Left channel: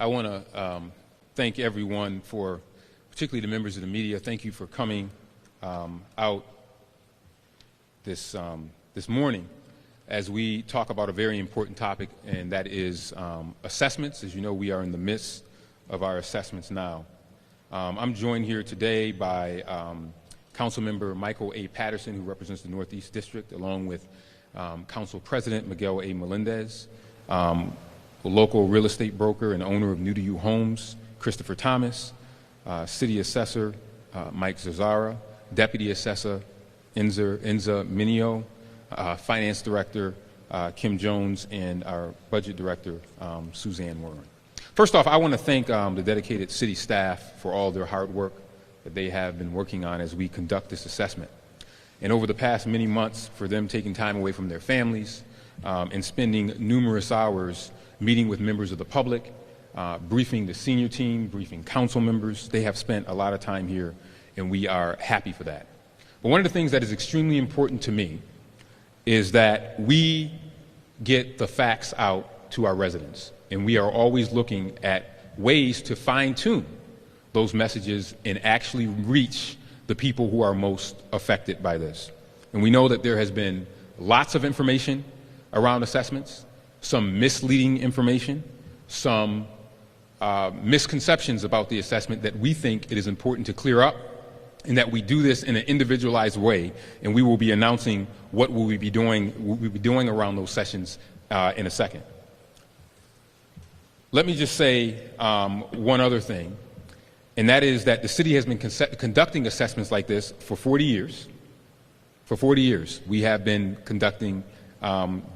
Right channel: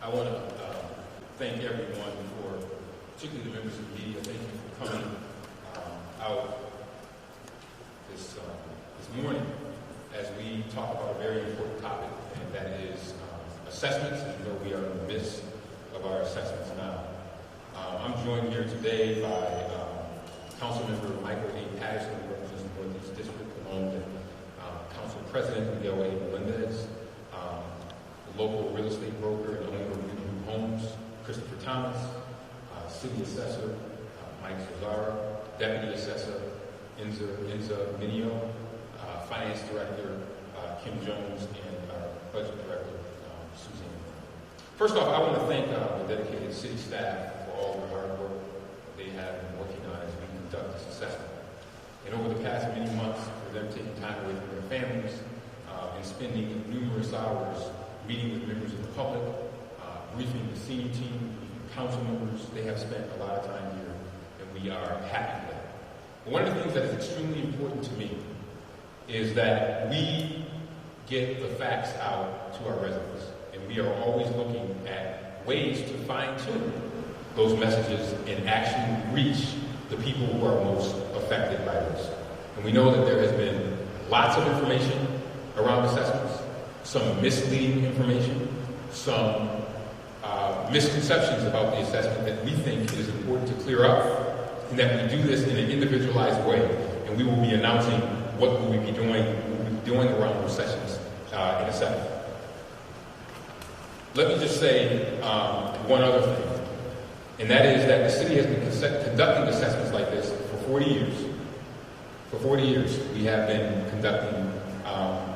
I want to thank everyone for, particularly the members of the media, thank you for coming out this morning as we talk about a very important topic, and that is assessments. As you know, we are in the midst of our assessments now. I'm joined here today by Councilmember Michael A. Patterson, who represents the Northeast District, along with Council President Miguel A. Melendez, the local real estate broker and owner of New to You Homes, Christopher Thomas, City Assessor Mike Zazzara, Deputy Assessor Enza Minio, Finance Director Kim Jones, and our Budget Director Suzanne Warren. First off, I want to thank the dedicated city staff for all their hard work that they have been working on as we conduct this assessment. And over the past many months, for them taking time away from their families and spending numerous hours meeting with members of the public, briefing the senior team, briefing council members. They have spent a lot of time here, and we are happy for that. But one of the things that is extremely important to me is that we get the facts out to our residents, and we are always looking at ways to fine-tune those messages and actually reach the people who are most affected by this. And we know that there has been lots of information around assessments, some misleading information, some misconceptions about the assessment that we think it is important to clear up, and that we do this in an individualized way. And we will be announcing what we'll be doing around those sessions in a second. Let me just say one other thing, and that is that the city has been conducting assessments like this for 40 years. For 40 years, we have been conducting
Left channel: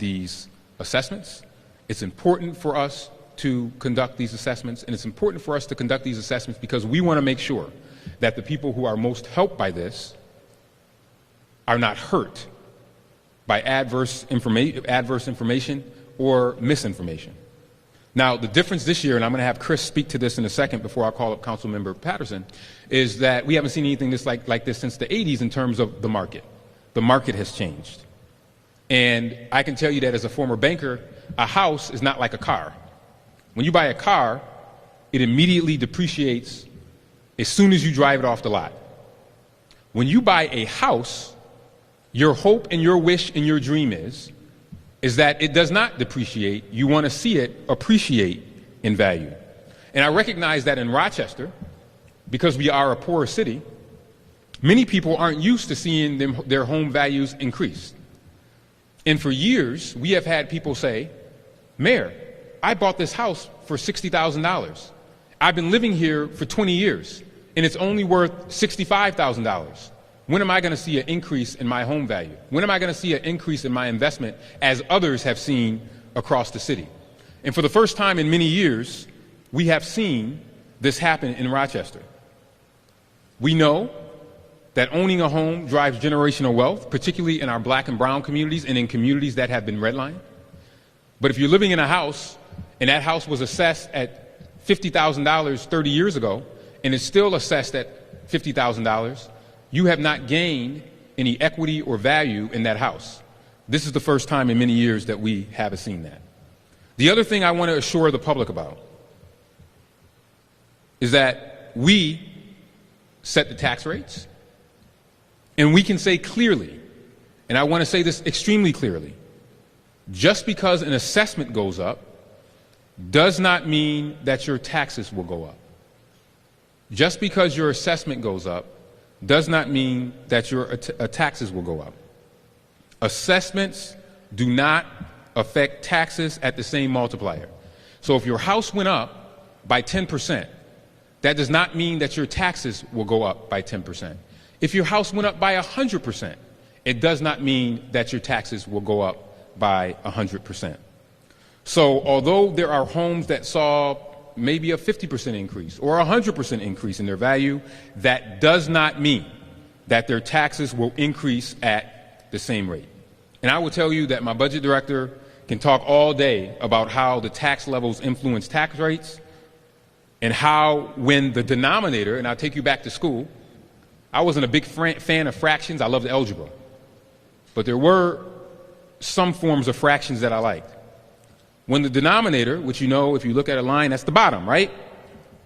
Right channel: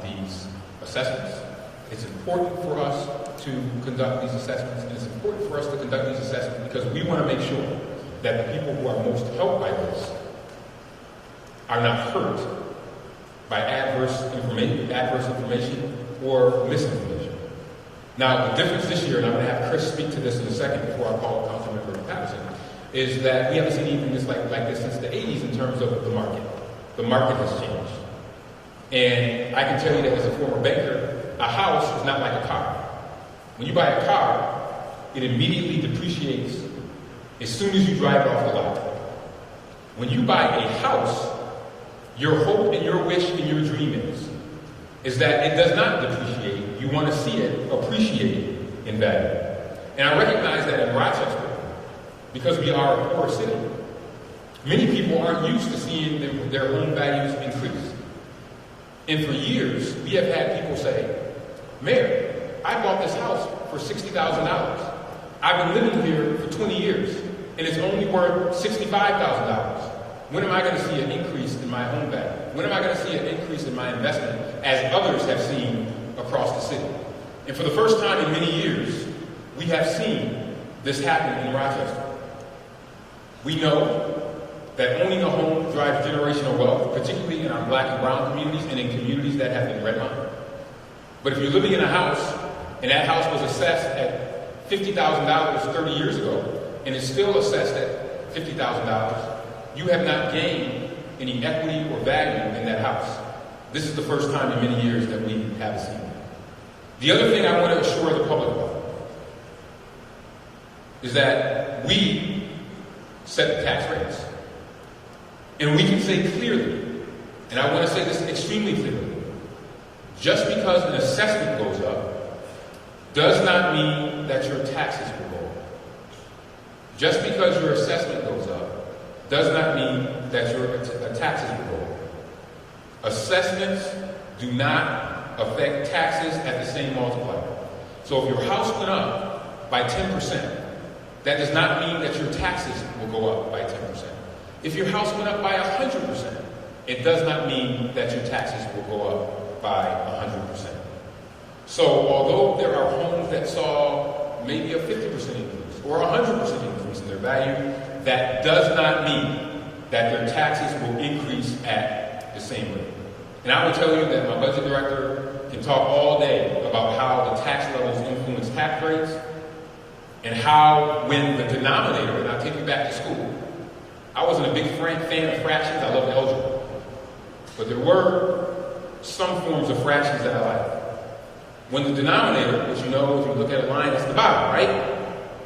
these assessments. It's important for us to conduct these assessments, and it's important for us to conduct these assessments because we want to make sure that the people who are most helped by this are not hurt by adverse information or misinformation. Now, the difference this year, and I'm going to have Chris speak to this in a second before I call Councilmember Patterson, is that we haven't seen anything like this since the 80s in terms of the market. The market has changed. And I can tell you that as a former banker, a house is not like a car. When you buy a car, it immediately depreciates as soon as you drive it off the lot. When you buy a house, your hope and your wish and your dream is that it does not depreciate. You want to see it appreciate in value. And I recognize that in Rochester, because we are a poor city, many people aren't used to seeing their home values increase. And for years, we have had people say, Mayor, I bought this house for $60,000. I've been living here for 20 years, and it's only worth $65,000. When am I going to see an increase in my home value? When am I going to see an increase in my investment as others have seen across the city? And for the first time in many years, we have seen this happen in Rochester. We know that owning a home drives generational wealth, particularly in our black and brown communities and in communities that have been redlined. But if you're living in a house and that house was assessed at $50,000 30 years ago and is still assessed at $50,000, you have not gained any equity or value in that house. This is the first time in many years that we haven't seen that. The other thing I want to assure the public about is that we set the tax rates. And we can say clearly, and I want to say this extremely clearly, just because an assessment goes up does not mean that your taxes will go up. Just because your assessment goes up does not mean that your taxes will go up. Assessments do not affect taxes at the same multiplier. So if your house went up by 10%, that does not mean that your taxes will go up by 10%. If your house went up by 100%, it does not mean that your taxes will go up by 100%. So although there are homes that saw maybe a 50% increase or a 100% increase in their value, that does not mean that their taxes will increase at the same rate. And I will tell you that my budget director can talk all day about how the tax levels influence tax rates and how when the denominator, and I'll take you back to school, I wasn't a big fan of fractions. I loved algebra. But there were some forms of fractions that I liked. When the denominator, which you know if you look at a line, that's the bottom, right?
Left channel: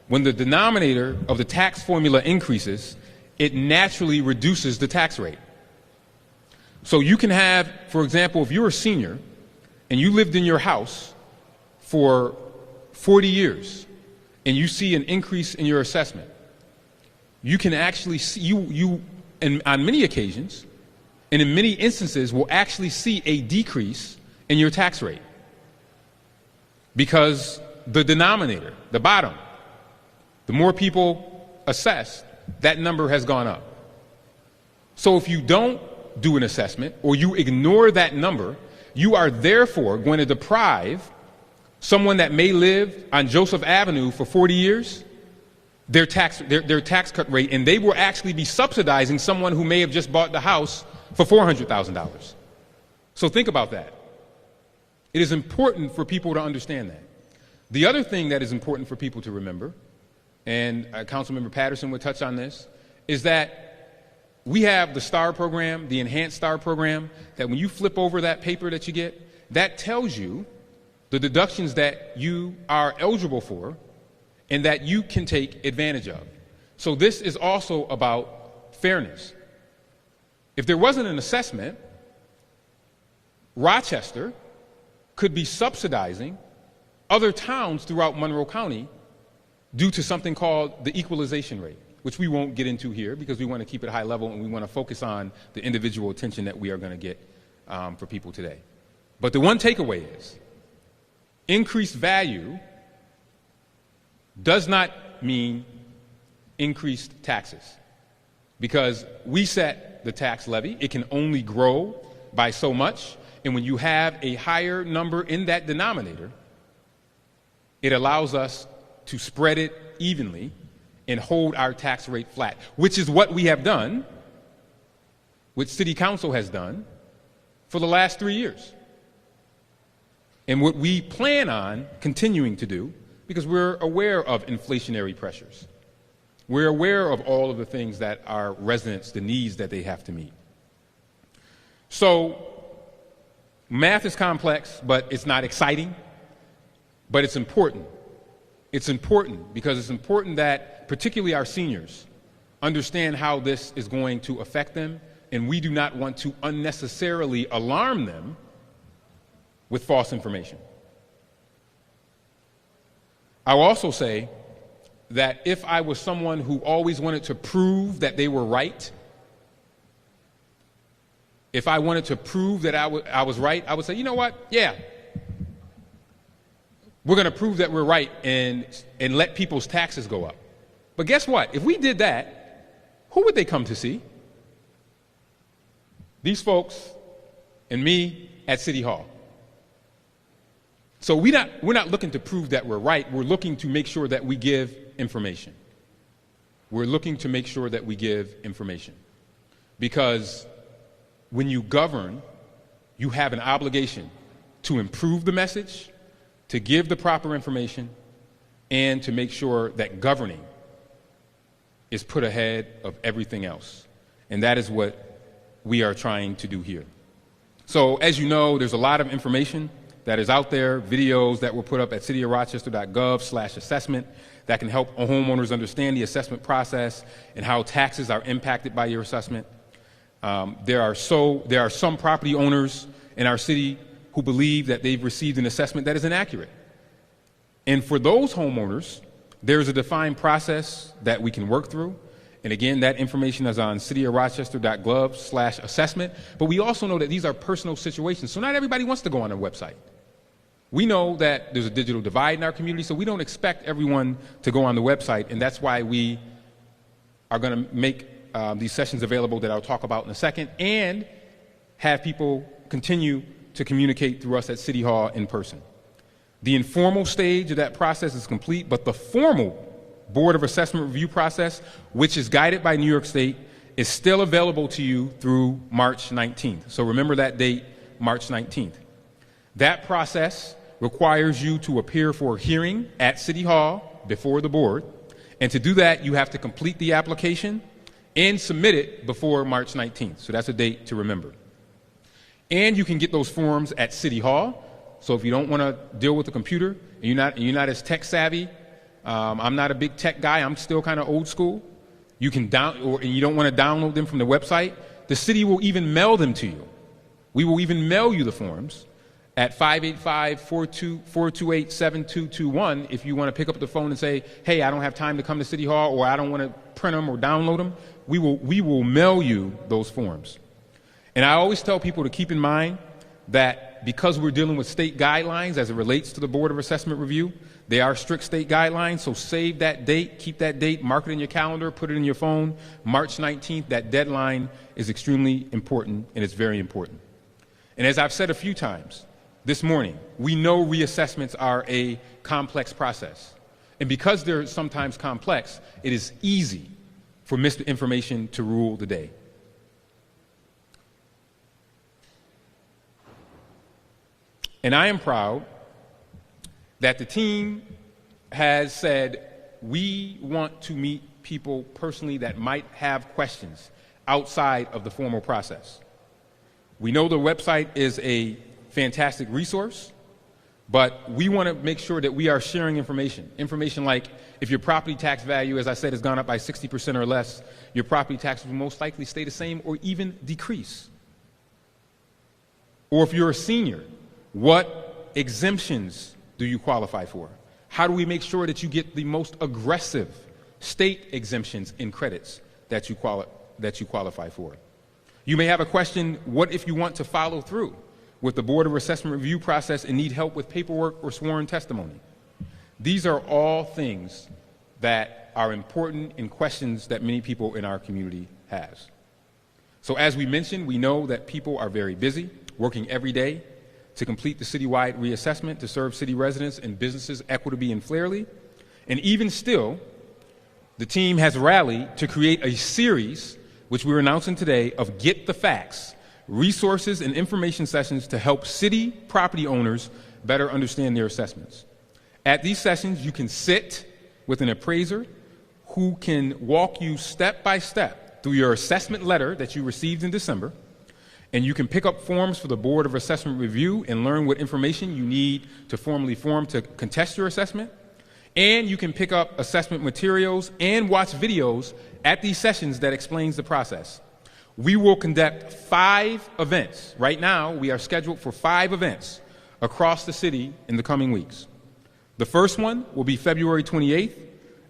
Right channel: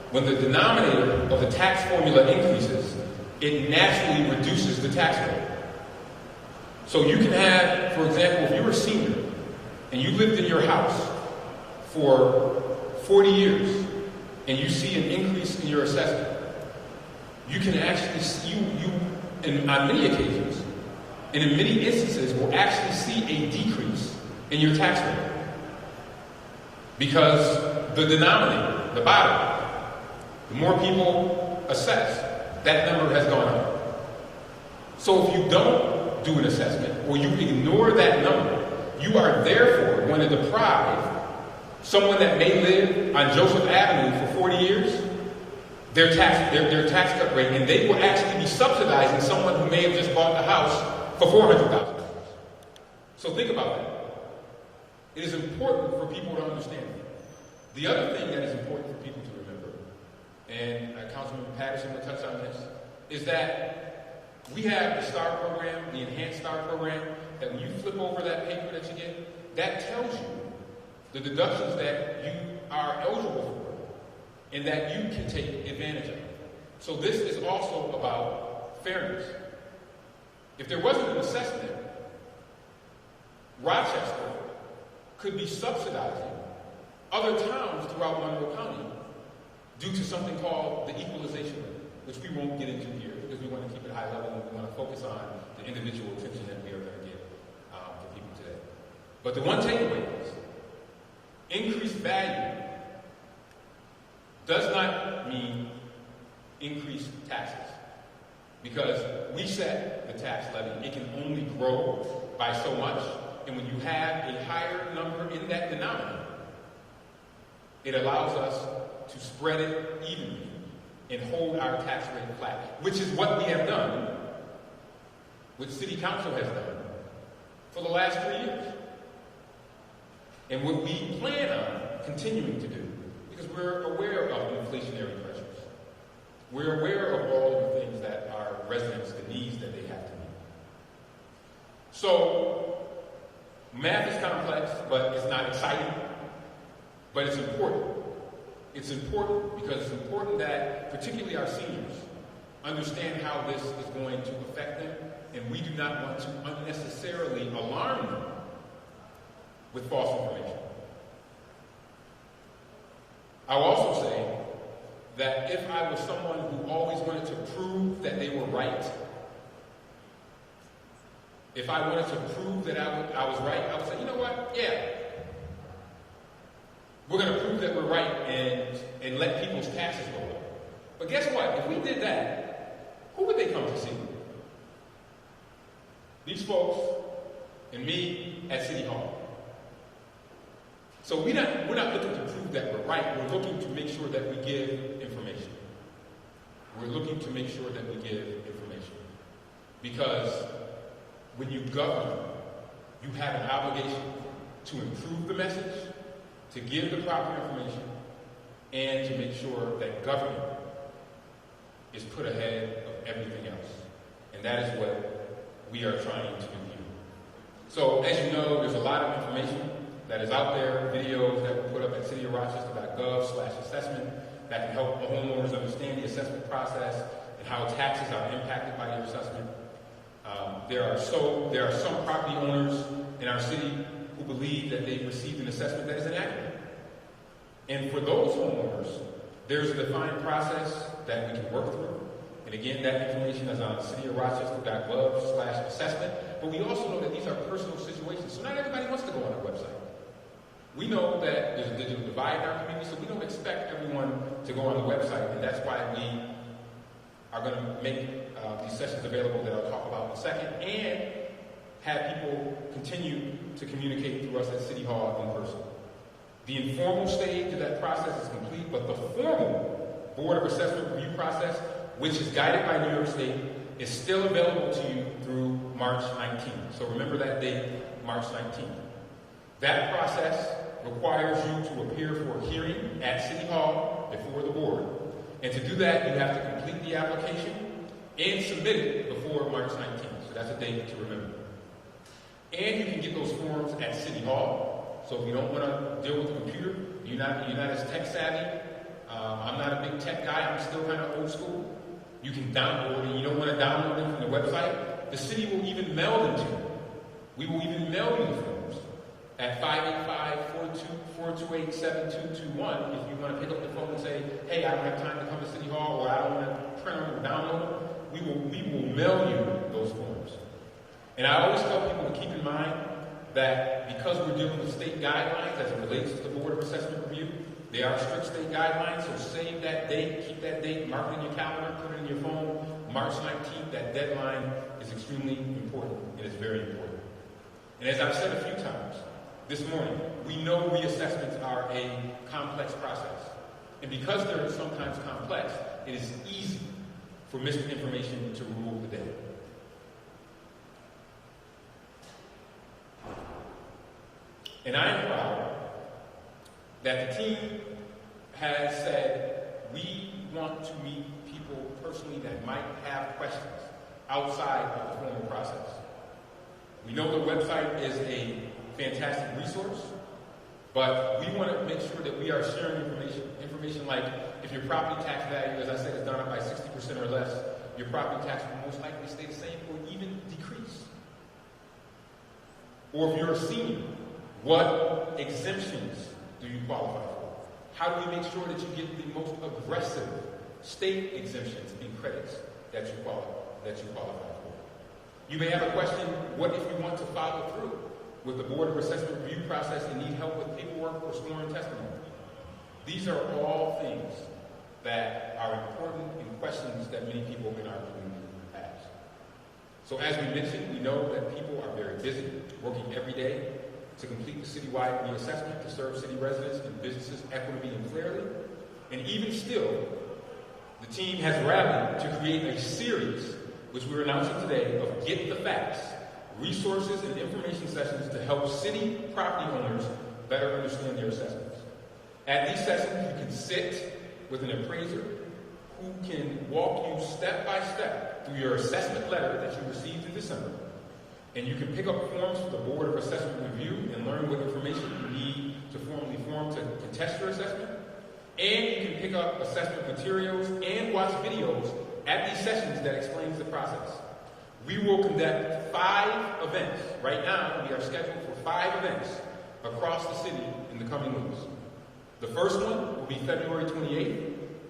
When the denominator of the tax formula increases, it naturally reduces the tax rate. So you can have, for example, if you're a senior and you lived in your house for 40 years and you see an increase in your assessment, you can actually see, and on many occasions, and in many instances, will actually see a decrease in your tax rate. Because the denominator, the bottom, the more people assess, that number has gone up. So if you don't do an assessment or you ignore that number, you are therefore going to deprive someone that may live on Joseph Avenue for 40 years their tax cut rate, and they will actually be subsidizing someone who may have just bought the house for $400,000. So think about that. It is important for people to understand that. The other thing that is important for people to remember, and Councilmember Patterson would touch on this, is that we have the STAR program, the Enhanced STAR program, that when you flip over that paper that you get, that tells you the deductions that you are eligible for and that you can take advantage of. So this is also about fairness. If there wasn't an assessment, Rochester could be subsidizing other towns throughout Monroe County due to something called the equalization rate, which we won't get into here because we want to keep it high level and we want to focus on the individual attention that we are going to get for people today. But the one takeaway is increased value does not mean increased taxes, because we set the tax levy. It can only grow by so much, and when you have a higher number in that denominator, it allows us to spread it evenly and hold our tax rate flat, which is what we have done, what City Council has done for the last 3 years, and what we plan on continuing to do, because we're aware of inflationary pressures. We're aware of all of the things that our residents, the needs that they have to meet. So math is complex, but it's not exciting, but it's important. It's important because it's important that particularly our seniors understand how this is going to affect them, and we do not want to unnecessarily alarm them with false information. I'll also say that if I was someone who always wanted to prove that they were right, if I wanted to prove that I was right, I would say, you know what, yeah, we're going to prove that we're right and let people's taxes go up. But guess what? If we did that, who would they come to see? These folks and me at City Hall. So we're not looking to prove that we're right. We're looking to make sure that we give information. We're looking to make sure that we give information. Because when you govern, you have an obligation to improve the message, to give the proper information, and to make sure that governing is put ahead of everything else. And that is what we are trying to do here. So as you know, there's a lot of information that is out there, videos that were put up at cityofrochester.gov/assessment that can help homeowners understand the assessment process and how taxes are impacted by your assessment. There are some property owners in our city who believe that they've received an assessment that is inaccurate. And for those homeowners, there's a defined process that we can work through. And again, that information is on cityofrochester.gov/assessment. But we also know that these are personal situations, so not everybody wants to go on a website. We know that there's a digital divide in our community, so we don't expect everyone to go on the website, and that's why we are going to make these sessions available that I'll talk about in a second, and have people continue to communicate through us at City Hall in person. The informal stage of that process is complete, but the formal Board of Assessment review process, which is guided by New York State, is still available to you through March 19th. So remember that date, March 19th. That process requires you to appear for a hearing at City Hall before the board. And to do that, you have to complete the application and submit it before March 19th. So that's a date to remember. And you can get those forms at City Hall, So if you don't want to deal with the computer, and you're not as tech savvy, I'm not a big tech guy, I'm still kind of old school, you can and you don't want to download them from the website, the city will even mail them to you. We will even mail you the forms at 585-428-7221 if you want to pick up the phone and say, hey, I don't have time to come to City Hall, or I don't want to print them or download them. We will mail you those forms. And I always tell people to keep in mind that because we're dealing with state guidelines as it relates to the Board of Assessment Review, they are strict state guidelines, so save that date, keep that date, mark it in your calendar, put it in your phone. March 19th, that deadline is extremely important, and it's very important. And as I've said a few times this morning, we know reassessments are a complex process. And because they're sometimes complex, it is easy for misinformation to rule the day. And I am proud that the team has said, we want to meet people personally that might have questions outside of the formal process. We know the website is a fantastic resource, but we want to make sure that we are sharing information like if your property tax value, as I said, has gone up by 60% or less, your property tax will most likely stay the same or even decrease. Or if you're a senior, what exemptions do you qualify for? How do we make sure that you get the most aggressive state exemptions and credits that you qualify for? You may have a question, what if you want to follow through with the Board of Assessment Review process and need help with paperwork or sworn testimony? These are all things that are important and questions that many people in our community has. So as we mentioned, we know that people are very busy, working every day to complete the citywide reassessment to serve city residents and businesses equitably and fairly. And even still, the team has rallied to create a series, which we're announcing today, of Get the Facts, resources and information sessions to help city property owners better understand their assessments. At these sessions, you can sit with an appraiser who can walk you step by step through your assessment letter that you received in December, and you can pick up forms for the Board of Assessment Review and learn what information you need to formally form to contest your assessment. And you can pick up assessment materials and watch videos at these sessions that explains the process. We will conduct 5 events. Right now, we are scheduled for 5 events across the city in the coming weeks. The first one will be February 28th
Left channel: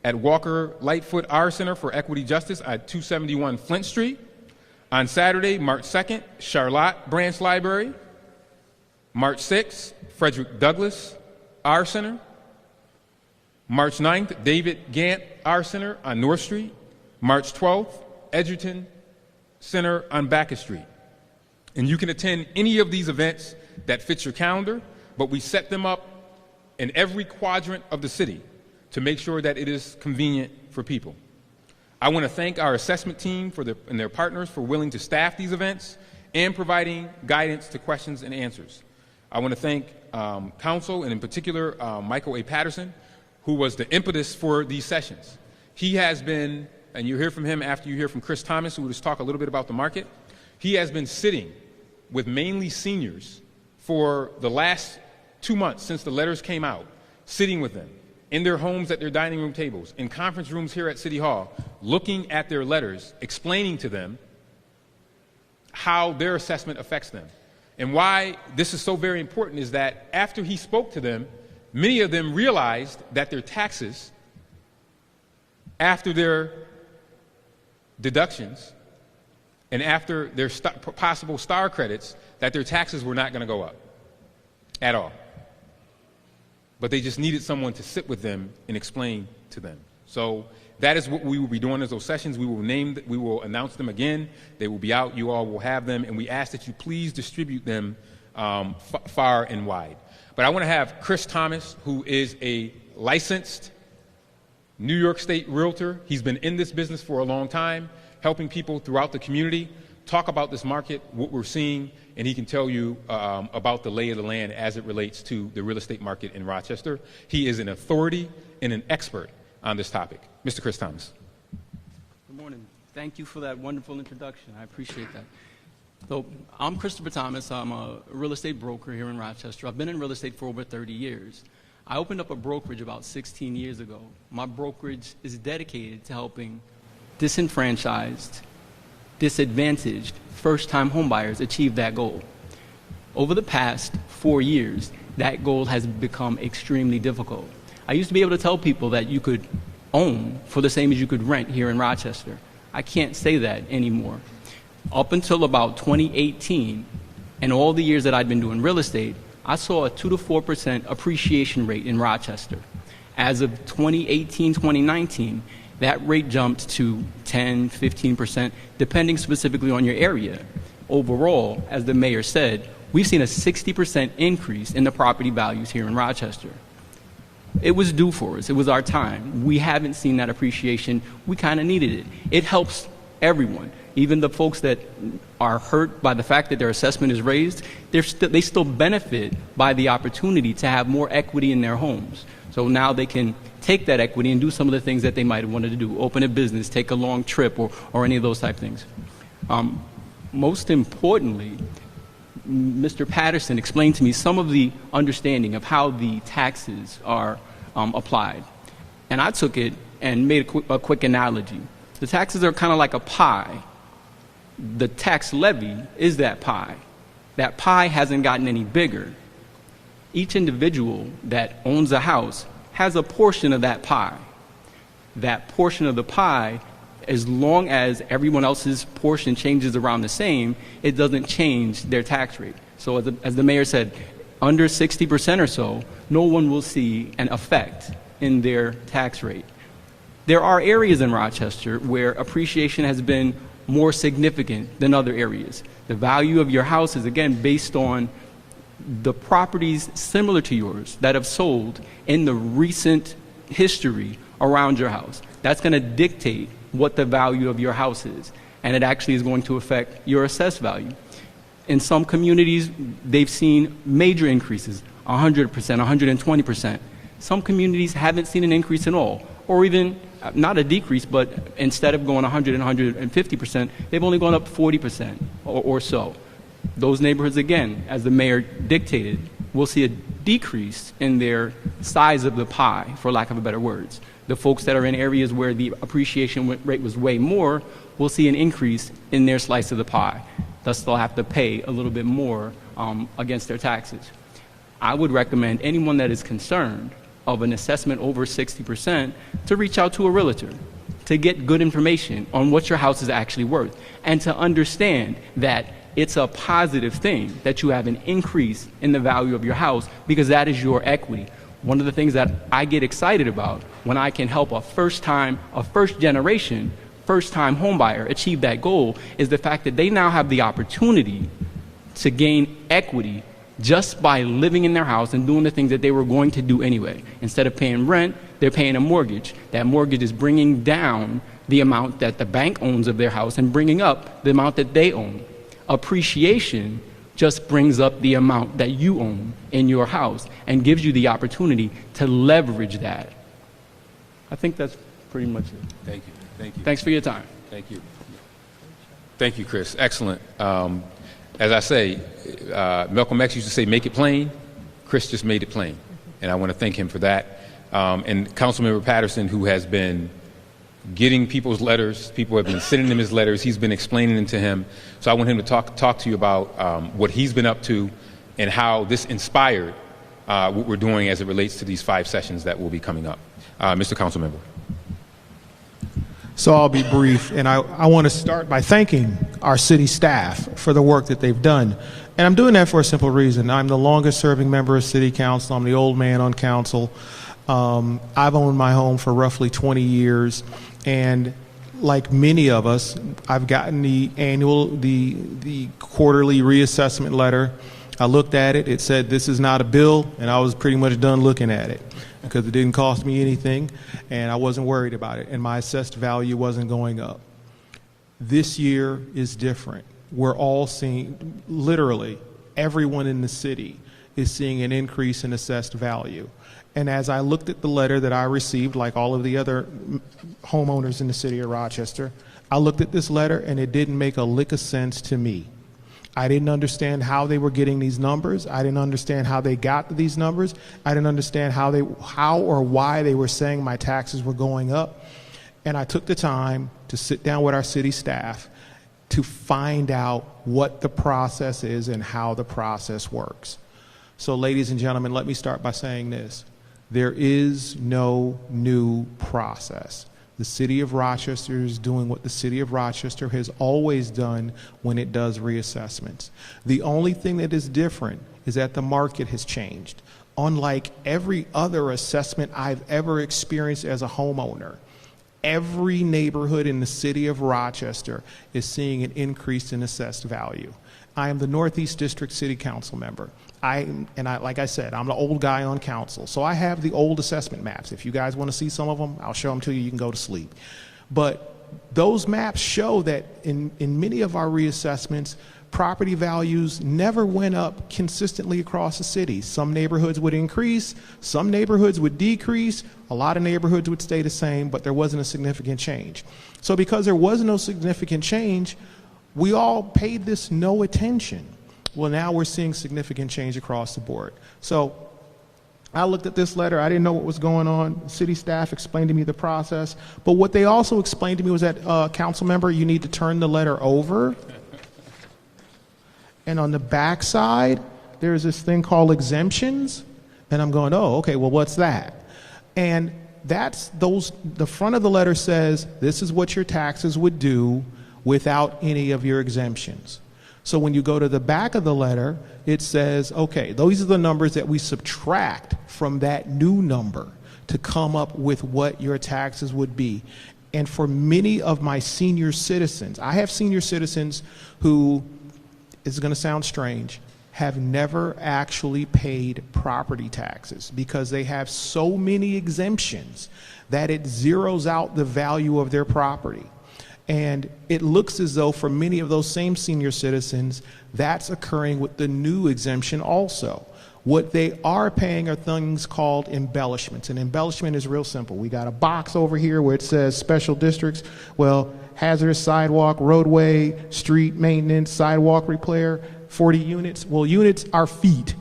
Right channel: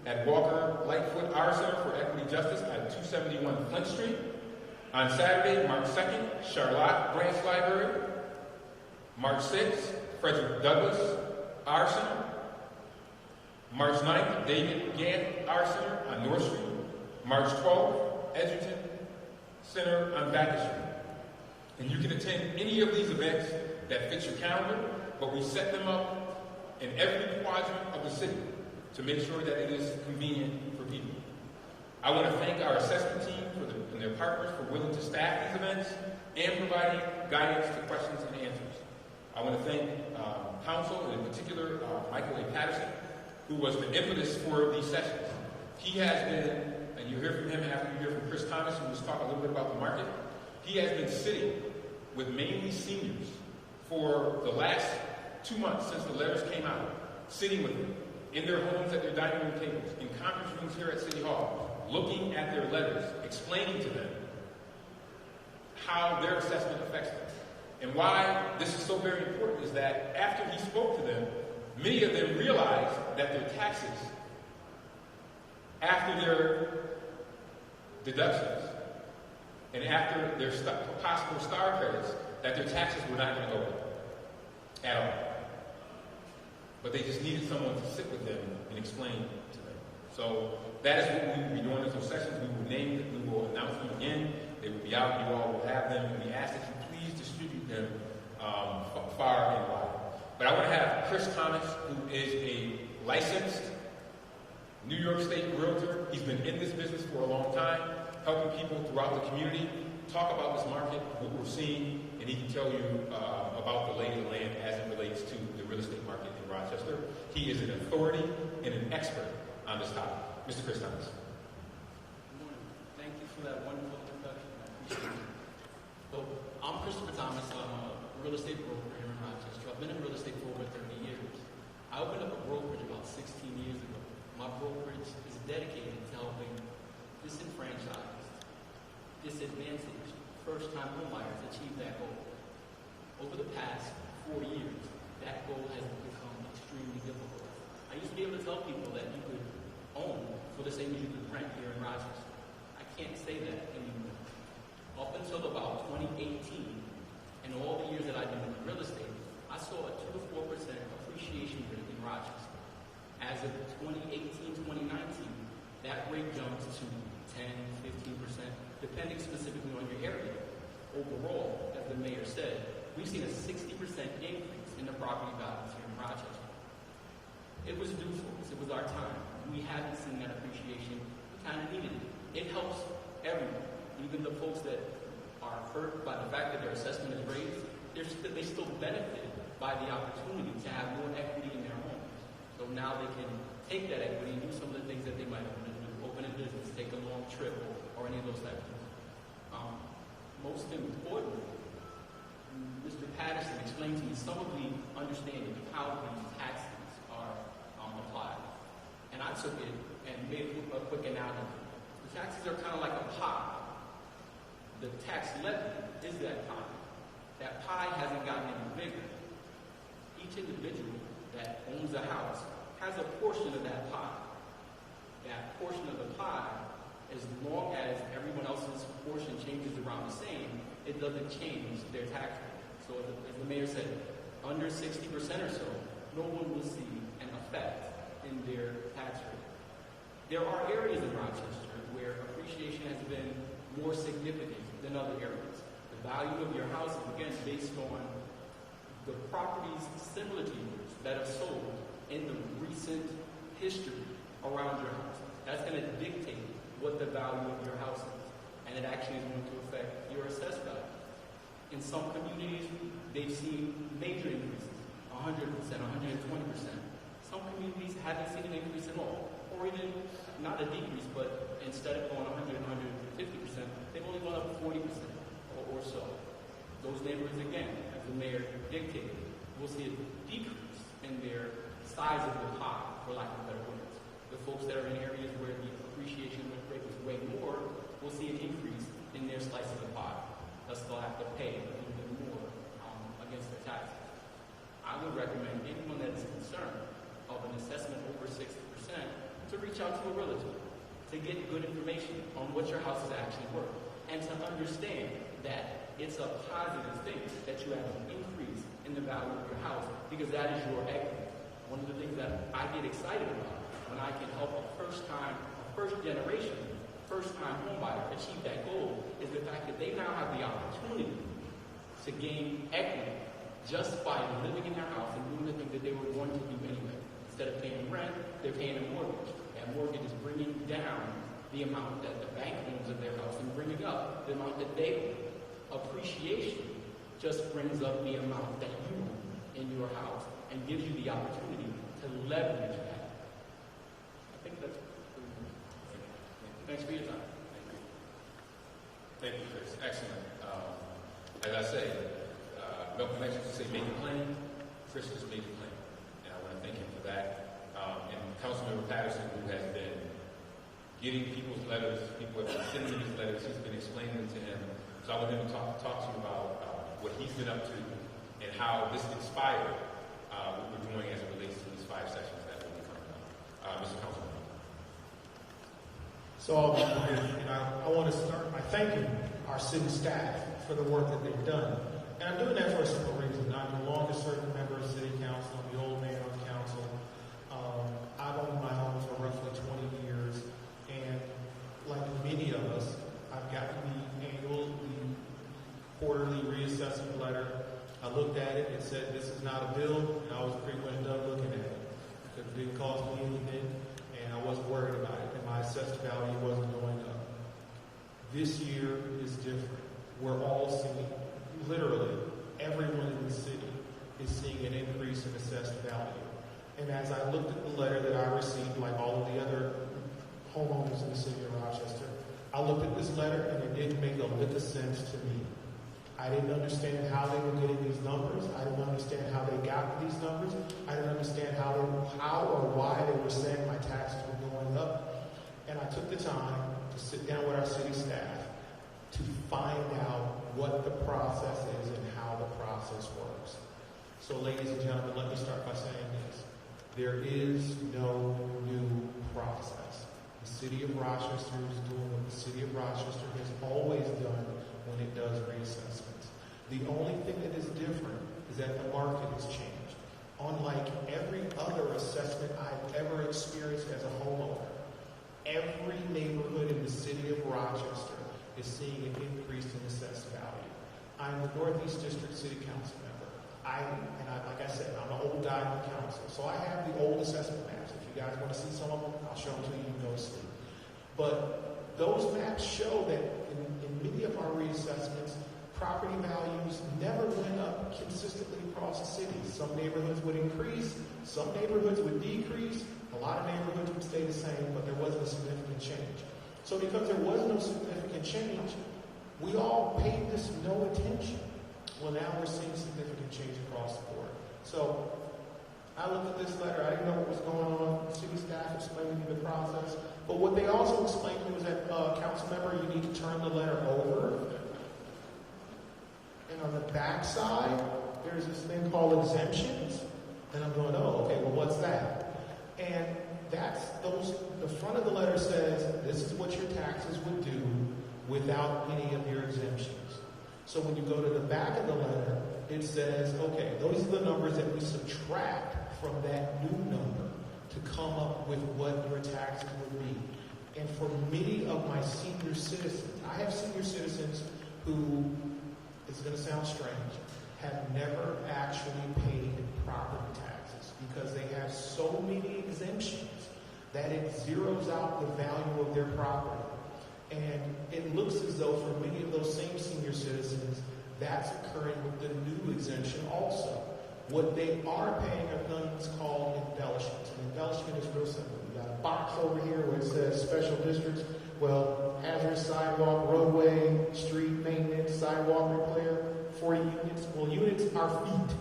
at Walker Lightfoot Our Center for Equity Justice at 271 Flint Street. On Saturday, March 2nd, Charlotte Branch Library. March 6th, Frederick Douglass Our Center. March 9th, David Gant Our Center on North Street. March 12th, Edgerton Center on Backer Street. And you can attend any of these events that fit your calendar, but we set them up in every quadrant of the city to make sure that it is convenient for people. I want to thank our assessment team and their partners for willing to staff these events and providing guidance to questions and answers. I want to thank council, and in particular Michael A. Patterson, who was the impetus for these sessions. He has been, and you'll hear from him after you hear from Chris Thomas, who will just talk a little bit about the market. He has been sitting with mainly seniors for the last 2 months since the letters came out, sitting with them in their homes at their dining room tables, in conference rooms here at City Hall, looking at their letters, explaining to them how their assessment affects them. And why this is so very important is that after he spoke to them, many of them realized that their taxes, after their deductions and after their possible star credits, that their taxes were not going to go up at all. But they just needed someone to sit with them and explain to them. So that is what we will be doing as those sessions. We will announce them again. They will be out. You all will have them. And we ask that you please distribute them far and wide. But I want to have Chris Thomas, who is a licensed New York State realtor. He's been in this business for a long time, helping people throughout the community, talk about this market, what we're seeing, and he can tell you about the lay of the land as it relates to the real estate market in Rochester. He is an authority and an expert on this topic. Mr. Chris Thomas. Good morning. Thank you for that wonderful introduction. I appreciate that. So I'm Christopher Thomas. I'm a real estate broker here in Rochester. I've been in real estate for over 30 years. I opened up a brokerage about 16 years ago. My brokerage is dedicated to helping disenfranchised, disadvantaged, first-time homebuyers achieve that goal. Over the past 4 years, that goal has become extremely difficult. I used to be able to tell people that you could own for the same as you could rent here in Rochester. I can't say that anymore. Up until about 2018, and all the years that I'd been doing real estate, I saw a 2 to 4% appreciation rate in Rochester. As of 2018, 2019, that rate jumped to 10, 15%, depending specifically on your area. Overall, as the mayor said, we've seen a 60% increase in the property values here in Rochester. It was due for us. It was our time. We haven't seen that appreciation. We kind of needed it. It helps everyone. Even the folks that are hurt by the fact that their assessment is raised, they still benefit by the opportunity to have more equity in their homes. So now they can take that equity and do some of the things that they might have wanted to do, open a business, take a long trip, or any of those type of things. Most importantly, Mr. Patterson explained to me some of the understanding of how the taxes are applied. And I took it and made a quick analogy. The taxes are kind of like a pie. The tax levy is that pie. That pie hasn't gotten any bigger. Each individual that owns a house has a portion of that pie. That portion of the pie, as long as everyone else's portion changes around the same, it doesn't change their tax rate. So as the mayor said, under 60% or so, no one will see an effect in their tax rate. There are areas in Rochester where appreciation has been more significant than other areas. The value of your house is, again, based on the properties similar to yours that have sold in the recent history around your house. That's going to dictate what the value of your house is, and it actually is going to affect your assessed value. In some communities, they've seen major increases, 100%, 120%. Some communities haven't seen an increase at all, or even not a decrease, but instead of going 100 and 150%, they've only gone up 40% or so. Those neighborhoods, again, as the mayor dictated, will see a decrease in their size of the pie, for lack of a better words. The folks that are in areas where the appreciation rate was way more will see an increase in their slice of the pie. Thus, they'll have to pay a little bit more against their taxes. I would recommend anyone that is concerned of an assessment over 60% to reach out to a realtor to get good information on what your house is actually worth, and to understand that it's a positive thing that you have an increase in the value of your house, because that is your equity. One of the things that I get excited about when I can help a first-time homebuyer achieve that goal is the fact that they now have the opportunity to gain equity just by living in their house and doing the things that they were going to do anyway. Instead of paying rent, they're paying a mortgage. That mortgage is bringing down the amount that the bank owns of their house and bringing up the amount that they own. Appreciation just brings up the amount that you own in your house and gives you the opportunity to leverage that. I think that's pretty much it. Thank you. Thank you. Thanks for your time. Thank you. Thank you, Chris. Excellent. As I say, Malcolm X used to say, make it plain. Chris just made it plain. And I want to thank him for that. And Councilmember Patterson, who has been getting people's letters, people have been sending him his letters, he's been explaining them to him. So I want him to talk to you about what he's been up to and how this inspired what we're doing as it relates to these 5 sessions that will be coming up. Mr. Councilmember. So I'll be brief, and I want to start by thanking our city staff for the work that they've done. And I'm doing that for a simple reason. I'm the longest serving member of city council. I'm the old man on council. I've owned my home for roughly 20 years, and like many of us, I've gotten the quarterly reassessment letter. I looked at it. It said this is not a bill, and I was pretty much done looking at it because it didn't cost me anything, and I wasn't worried about it, and my assessed value wasn't going up. This year is different. We're all seeing, literally, everyone in the city is seeing an increase in assessed value. And as I looked at the letter that I received, like all of the other homeowners in the city of Rochester, I looked at this letter and it didn't make a lick of sense to me. I didn't understand how they were getting these numbers. I didn't understand how they got these numbers. I didn't understand how or why they were saying my taxes were going up. And I took the time to sit down with our city staff to find out what the process is and how the process works. So, ladies and gentlemen, let me start by saying this. There is no new process. The city of Rochester is doing what the city of Rochester has always done when it does reassessments. The only thing that is different is that the market has changed. Unlike every other assessment I've ever experienced as a homeowner, every neighborhood in the city of Rochester is seeing an increase in assessed value. I am the Northeast District City Council member. Like I said, I'm the old guy on council, so I have the old assessment maps. If you guys want to see some of them, I'll show them to you. You can go to sleep. But those maps show that in many of our reassessments, property values never went up consistently across the city. Some neighborhoods would increase, some neighborhoods would decrease, a lot of neighborhoods would stay the same, but there wasn't a significant change. So because there was no significant change, we all paid this no attention. Well, now we're seeing significant change across the board. So I looked at this letter. I didn't know what was going on. City staff explained to me the process. But what they also explained to me was that, council member, you need to turn the letter over. And on the back side, there's this thing called exemptions. And I'm going, oh, okay, well, what's that? And the front of the letter says, this is what your taxes would do without any of your exemptions. So when you go to the back of the letter, it says, okay, those are the numbers that we subtract from that new number to come up with what your taxes would be. And for many of my senior citizens, I have senior citizens who, it's going to sound strange, have never actually paid property taxes because they have so many exemptions that it zeroes out the value of their property. And it looks as though for many of those same senior citizens, that's occurring with the new exemption also. What they are paying are things called embellishments. And embellishment is real simple. We got a box over here where it says special districts. Well, hazardous sidewalk, roadway, street maintenance, sidewalk repair, 40 units. Well, units are feet.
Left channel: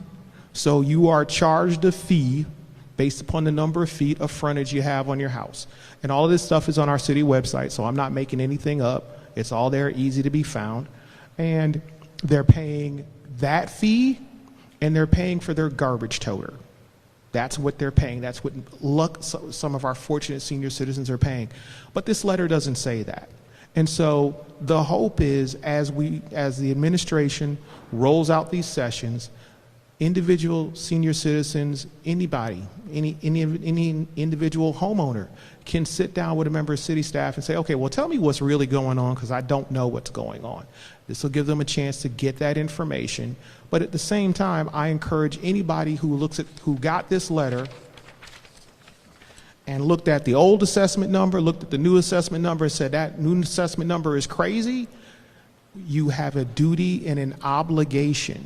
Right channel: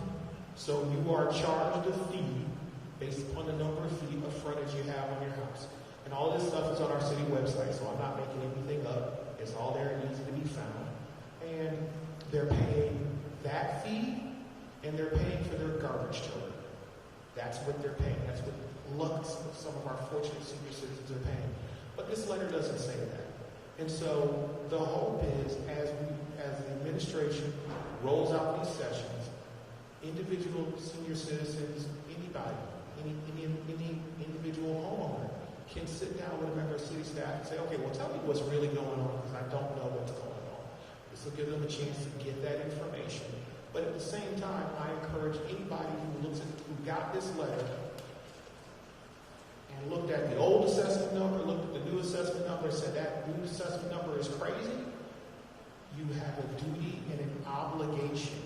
So you are charged a fee based upon the number of feet of frontage you have on your house. And all of this stuff is on our city website, so I'm not making anything up. It's all there, easy to be found. And they're paying that fee, and they're paying for their garbage toter. That's what they're paying. That's what some of our fortunate senior citizens are paying. But this letter doesn't say that. And so the hope is, as the administration rolls out these sessions, individual senior citizens, anybody, any individual homeowner can sit down with a member of city staff and say, okay, well, tell me what's really going on because I don't know what's going on. This will give them a chance to get that information. But at the same time, I encourage anybody who got this letter and looked at the old assessment number, looked at the new assessment number and said that new assessment number is crazy, you have a duty and an obligation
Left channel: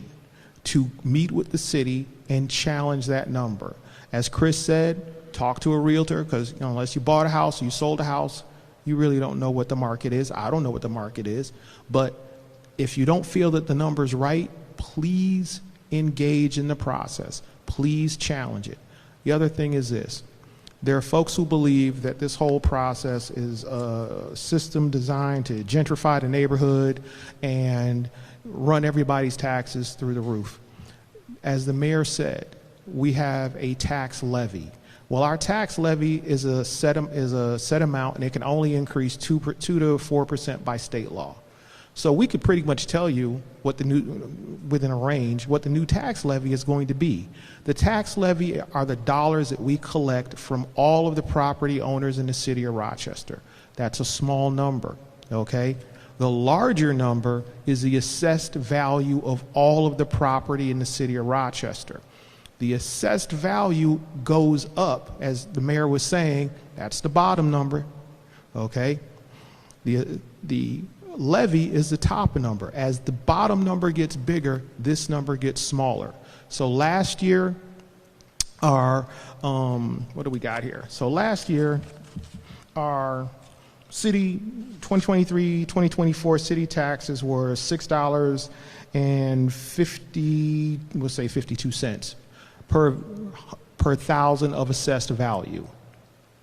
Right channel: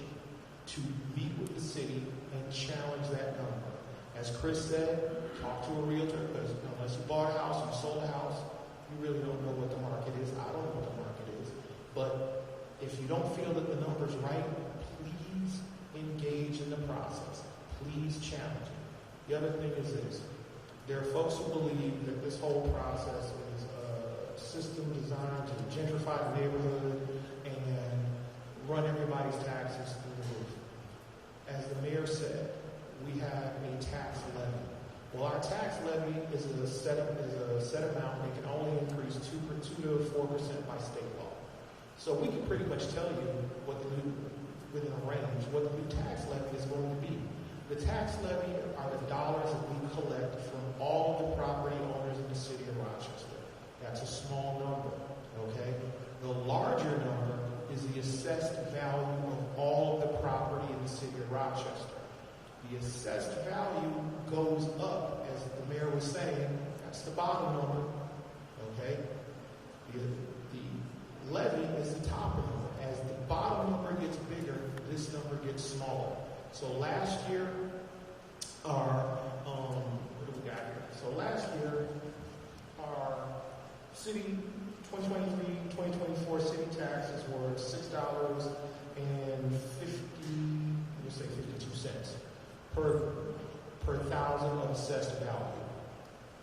to meet with the city and challenge that number. As Chris said, talk to a realtor because unless you bought a house, you sold a house, you really don't know what the market is. I don't know what the market is. But if you don't feel that the number's right, please engage in the process. Please challenge it. The other thing is this. There are folks who believe that this whole process is a system designed to gentrify the neighborhood and run everybody's taxes through the roof. As the mayor said, we have a tax levy. Well, our tax levy is a set amount, and it can only increase 2 to 4% by state law. So we could pretty much tell you within a range, what the new tax levy is going to be. The tax levy are the dollars that we collect from all of the property owners in the city of Rochester. That's a small number, okay? The larger number is the assessed value of all of the property in the city of Rochester. The assessed value goes up, as the mayor was saying, that's the bottom number, okay? The levy is the top number. As the bottom number gets bigger, this number gets smaller. So last year, what do we got here? So last year, our city 2023-2024 city taxes were $6.80 and 50, we'll say 52 cents per thousand of assessed value.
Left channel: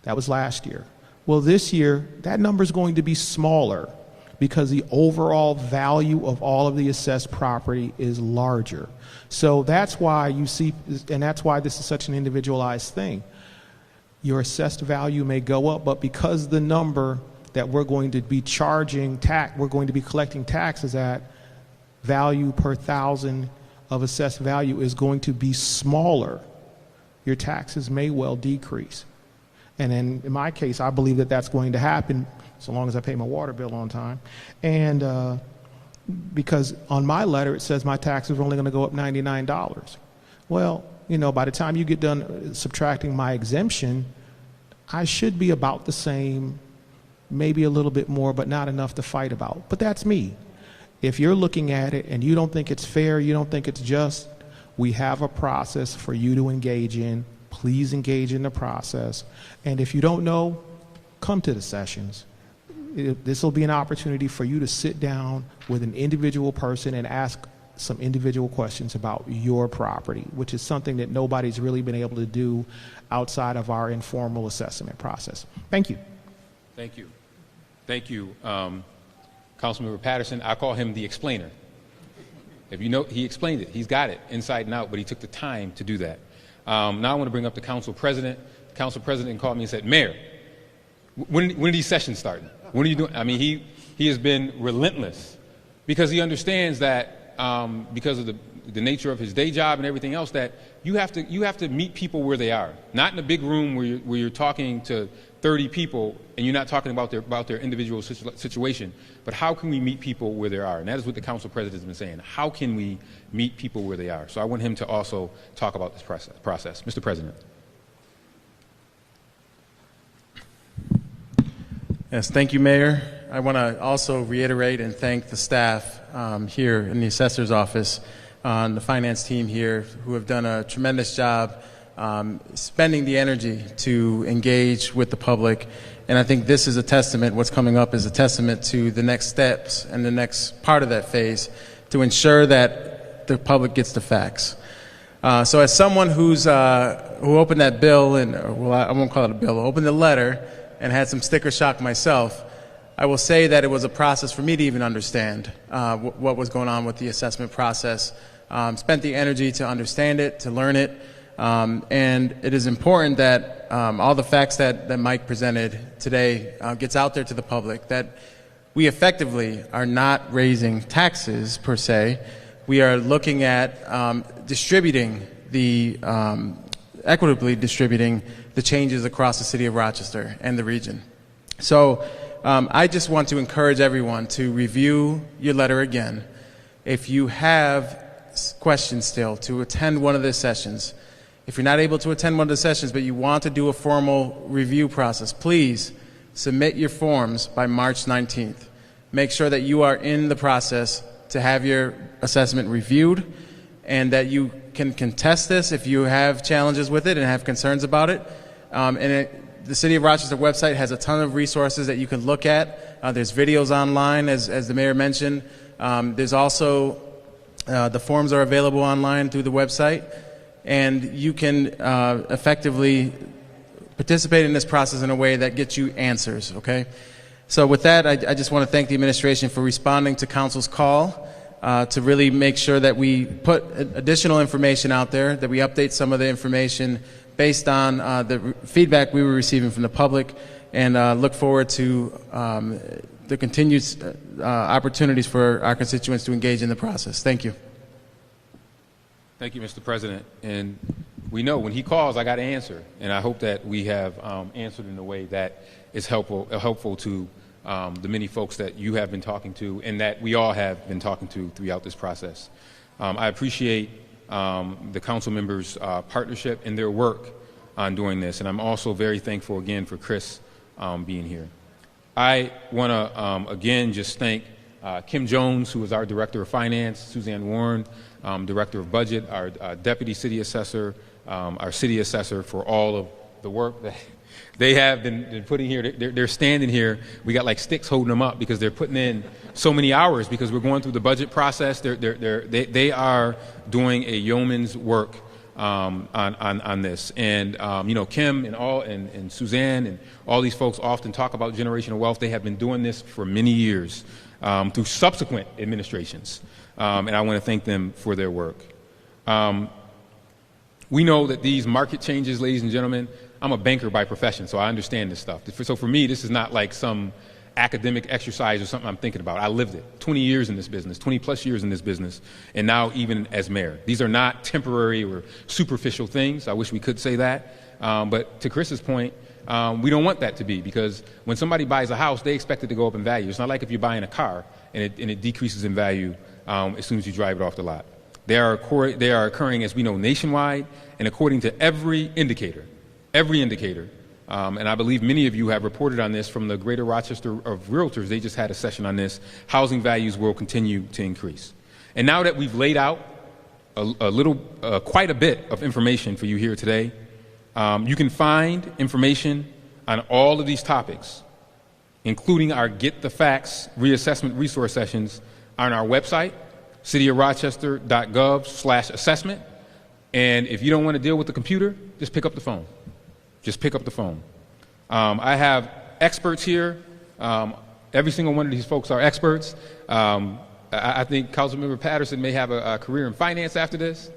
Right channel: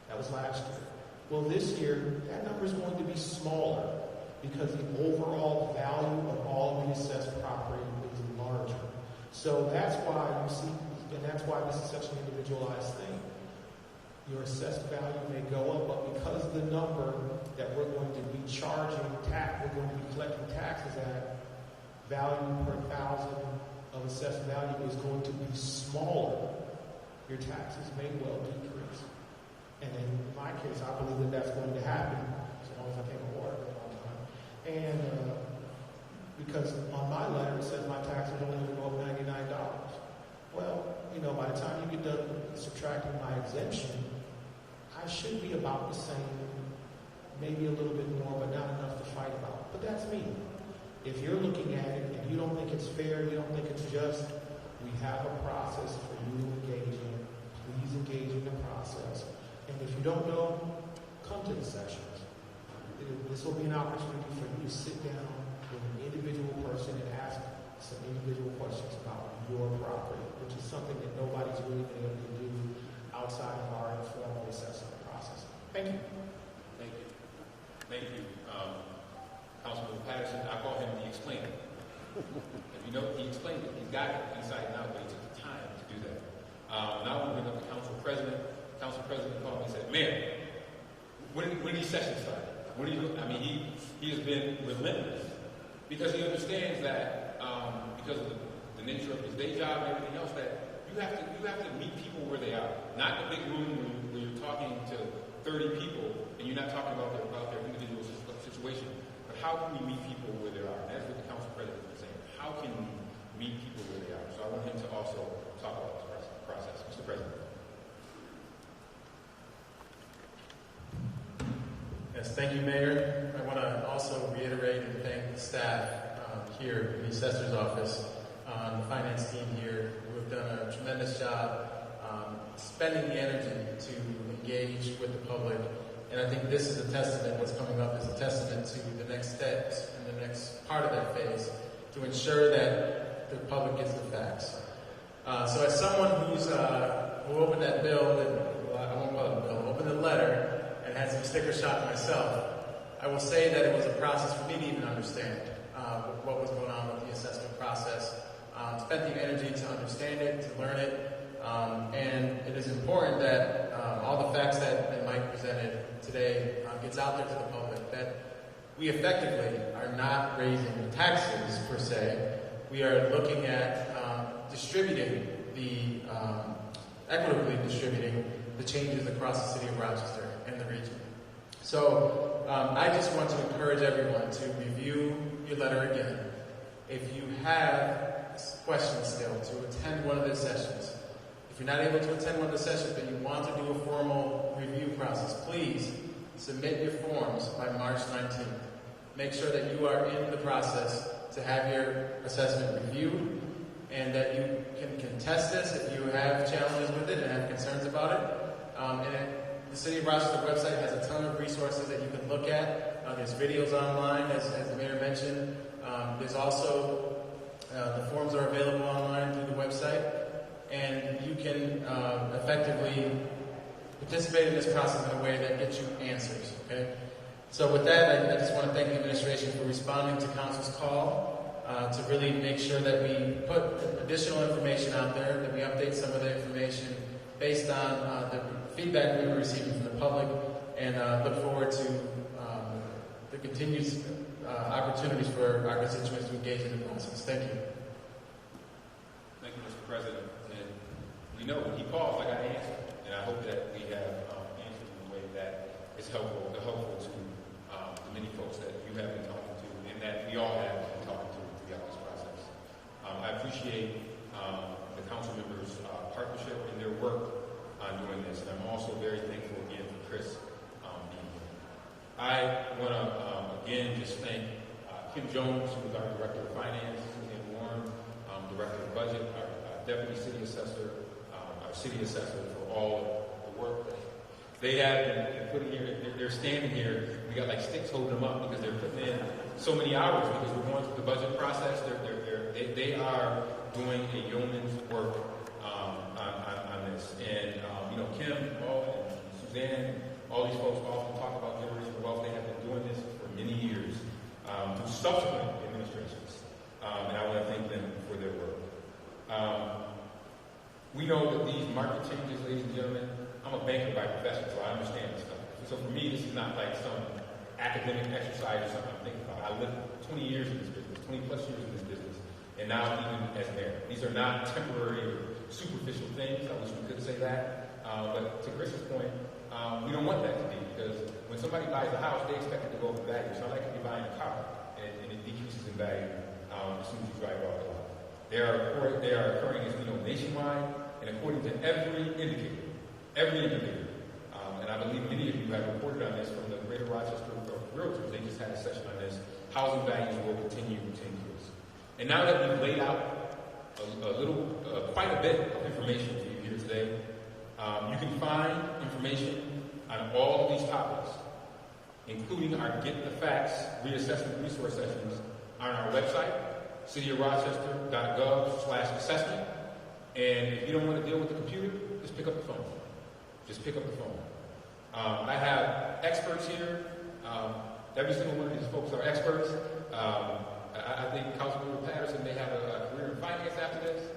That was last year. Well, this year, that number is going to be smaller because the overall value of all of the assessed property is larger. So that's why you see, and that's why this is such an individualized thing. Your assessed value may go up, but because the number that we're going to be charging we're going to be collecting taxes at, value per thousand of assessed value is going to be smaller, your taxes may well decrease. And in my case, I believe that that's going to happen so long as I pay my water bill on time. And because on my letter, it says my taxes are only going to go up $99. Well, you know, by the time you get done subtracting my exemption, I should be about the same, maybe a little bit more, but not enough to fight about. But that's me. If you're looking at it and you don't think it's fair, you don't think it's just, we have a process for you to engage in. Please engage in the process. And if you don't know, come to the sessions. This will be an opportunity for you to sit down with an individual person and ask some individual questions about your property, which is something that nobody's really been able to do outside of our informal assessment process. Thank you. Thank you. Thank you, Councilmember Patterson. I call him the explainer. If you know, he explained it. He's got it inside and out, but he took the time to do that. Now I want to bring up the council president. The council president called me and said, Mayor, when are these sessions starting? When are you doing? I mean, he has been relentless because he understands that because of the nature of his day job and everything else, that you have to meet people where they are, not in a big room where you're talking to 30 people and you're not talking about their individual situation, but how can we meet people where they are? And that is what the council president has been saying. How can we meet people where they are? So I want him to also talk about this process. Mr. President. Yes, thank you, Mayor. I want to also reiterate and thank the staff here in the assessor's office, the finance team here, who have done a tremendous job spending the energy to engage with the public. And I think this is a testament, what's coming up is a testament to the next steps and the next part of that phase to ensure that the public gets the facts. So as someone who opened that bill, well, I won't call it a bill, opened the letter and had some sticker shock myself, I will say that it was a process for me to even understand what was going on with the assessment process. Spent the energy to understand it, to learn it, and it is important that all the facts that Mike presented today gets out there to the public, that we effectively are not raising taxes per se. We are looking at equitably distributing the changes across the city of Rochester and the region. So I just want to encourage everyone to review your letter again. If you have questions still, to attend one of the sessions. If you're not able to attend one of the sessions but you want to do a formal review process, please submit your forms by March 19th. Make sure that you are in the process to have your assessment reviewed and that you can contest this if you have challenges with it and have concerns about it. The City of Rochester website has a ton of resources that you can look at. There's videos online, as the mayor mentioned. There's also, the forms are available online through the website, and you can effectively participate in this process in a way that gets you answers, okay? So with that, I just want to thank the administration for responding to council's call to really make sure that we put additional information out there, that we update some of the information based on the feedback we were receiving from the public, and look forward to the continued opportunities for our constituents to engage in the process. Thank you. Thank you, Mr. President. And we know when he calls, I got to answer. And I hope that we have answered in a way that is helpful to the many folks that you have been talking to and that we all have been talking to throughout this process. I appreciate the council members' partnership and their work on doing this. And I'm also very thankful again for Chris being here. I want to again just thank Kim Jones, who is our Director of Finance, Suzanne Warren, Director of Budget, our Deputy City Assessor, our City Assessor, for all of the work that they have been putting here. They're standing here. We got like sticks holding them up because they're putting in so many hours because we're going through the budget process. They are doing a yeoman's work on this. And, you know, Kim and Suzanne and all these folks often talk about generational wealth. They have been doing this for many years through subsequent administrations. And I want to thank them for their work. We know that these market changes, ladies and gentlemen, I'm a banker by profession, so I understand this stuff. So for me, this is not like some academic exercise or something I'm thinking about. I lived it. 20 years in this business, 20 plus years in this business, and now even as mayor. These are not temporary or superficial things. I wish we could say that. But to Chris's point, we don't want that to be, because when somebody buys a house, they expect it to go up in value. It's not like if you're buying a car and it decreases in value as soon as you drive it off the lot. They are occurring, as we know, nationwide and according to every indicator, and I believe many of you have reported on this from the Greater Rochester of Realtors. They just had a session on this. Housing values will continue to increase. And now that we've laid out quite a bit of information for you here today, you can find information on all of these topics, including our Get the Facts reassessment resource sessions, on our website, cityofrochester.gov/assessment. And if you don't want to deal with the computer, just pick up the phone. Just pick up the phone. I have experts here. Every single one of these folks are experts. I think Councilmember Patterson may have a career in finance after this.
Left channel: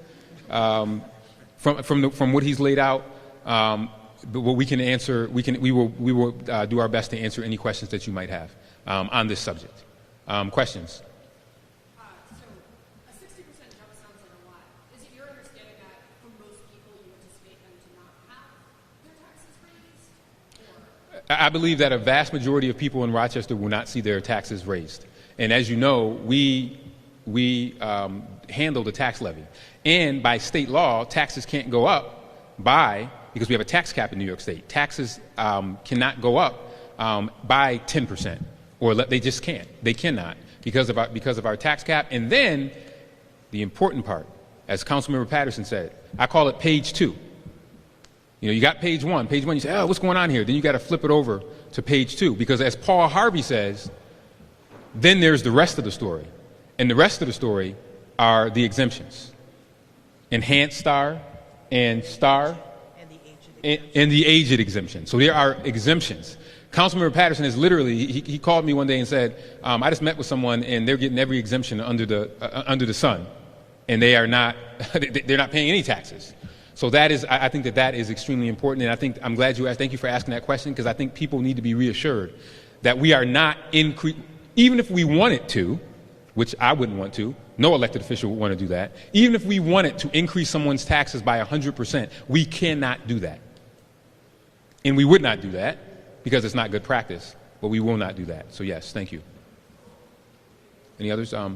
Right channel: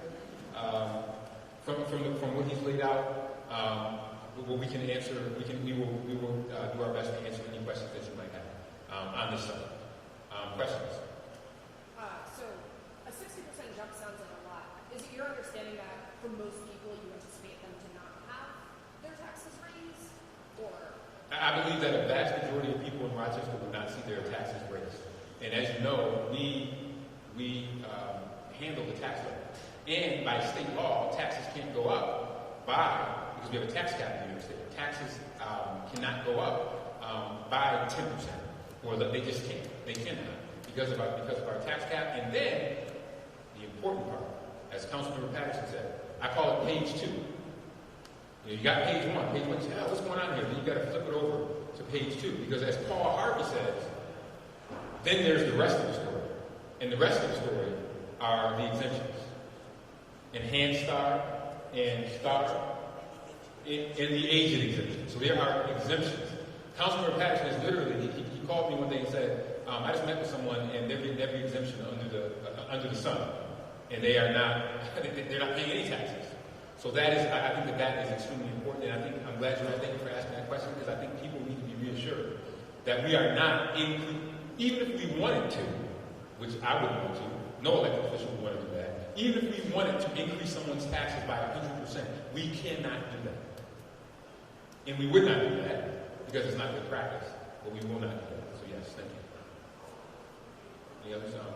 From what he's laid out, what we can answer, we will do our best to answer any questions that you might have on this subject. Questions? So a 60% jump sounds like a lot. Is it your understanding that for most people you anticipate them to not have their taxes raised? Or? I believe that a vast majority of people in Rochester will not see their taxes raised. And as you know, we handle the tax levy. And by state law, taxes can't go up because we have a tax cap in New York State. Taxes cannot go up by 10%, or they just can't. They cannot because of our tax cap. And then the important part, as Councilmember Patterson said, I call it page 2. You know, you got page 1. Page 1, you say, oh, what's going on here? Then you got to flip it over to page 2, because as Paul Harvey says, then there's the rest of the story. And the rest of the story are the exemptions. Enhanced star and star and the aged exemption. So there are exemptions. Councilmember Patterson is literally, he called me one day and said, I just met with someone and they're getting every exemption under the sun, and they are not, they're not paying any taxes. So that is, I think that is extremely important, and I'm glad you asked, thank you for asking that question, because I think people need to be reassured that we are not even if we wanted to, which I wouldn't want to, no elected official would want to do that, even if we wanted to increase someone's taxes by 100%, we cannot do that. And we would not do that because it's not good practice, but we will not do that. So yes, thank you. Any others? For Mr.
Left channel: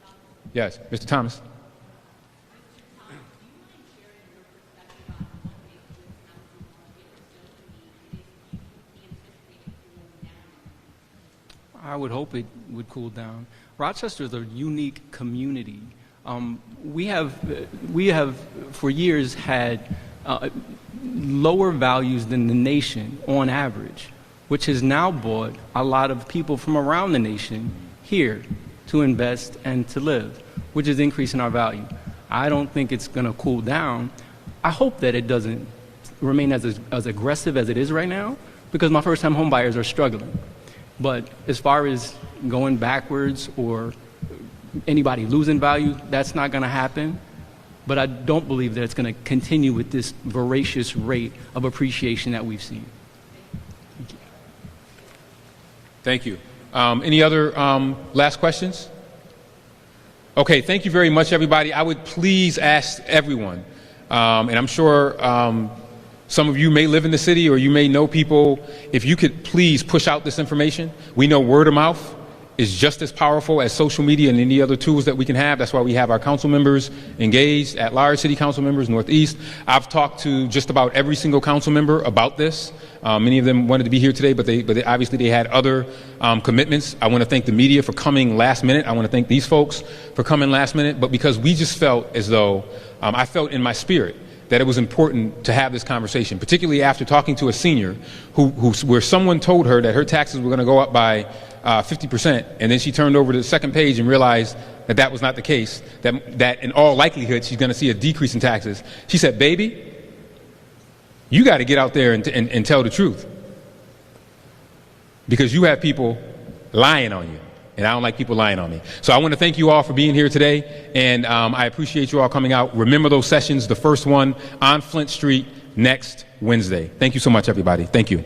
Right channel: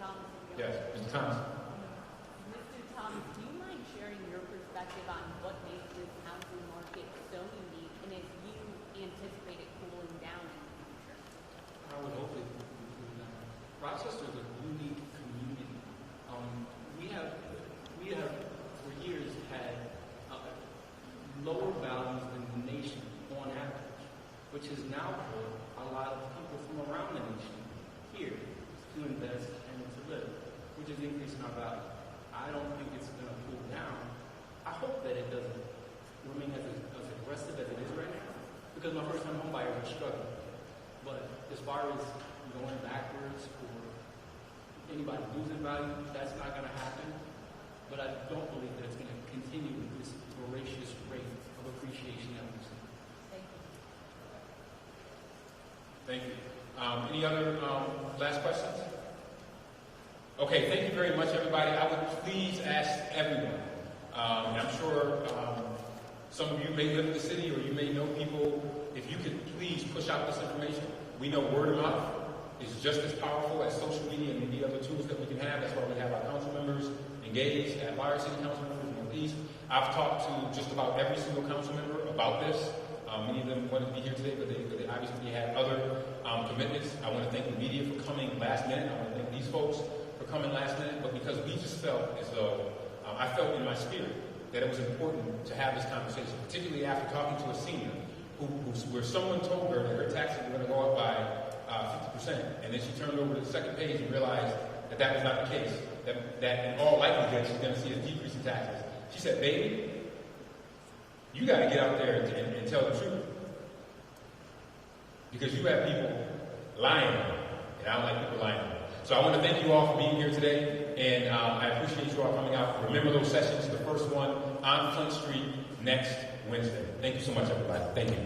Thomas. Yes, Mr. Thomas. Mr. Thomas, do you mind sharing your perspective on what makes this housing market so unique, and if you anticipate it cooling down in the future? I would hope it would cool down. Rochester is a unique community. We have for years had lower values than the nation on average, which has now brought a lot of people from around the nation here to invest and to live, which is increasing our value. I don't think it's going to cool down. I hope that it doesn't remain as aggressive as it is right now, because my first-time home buyers are struggling. But as far as going backwards or anybody losing value, that's not going to happen. But I don't believe that it's going to continue with this voracious rate of appreciation that we've seen. Thank you. Any other last questions? Okay, thank you very much, everybody. I would please ask everyone, and I'm sure some of you may live in the city or you may know people, if you could please push out this information. We know word of mouth is just as powerful as social media and any other tools that we can have. That's why we have our council members engaged, at large city council members, Northeast. I've talked to just about every single council member about this. Many of them wanted to be here today, but obviously they had other commitments. I want to thank the media for coming last minute. I want to thank these folks for coming last minute. But because we just felt as though, I felt in my spirit that it was important to have this conversation, particularly after talking to a senior where someone told her that her taxes were going to go up by 50%, and then she turned over to the second page and realized that that was not the case, that in all likelihood she's going to see a decrease in taxes. She said, baby, you got to get out there and tell the truth, because you have people lying on you, and I don't like people lying on me. So I want to thank you all for being here today, and I appreciate you all coming out. Remember those sessions, the first one on Flint Street next Wednesday. Thank you so much, everybody. Thank you.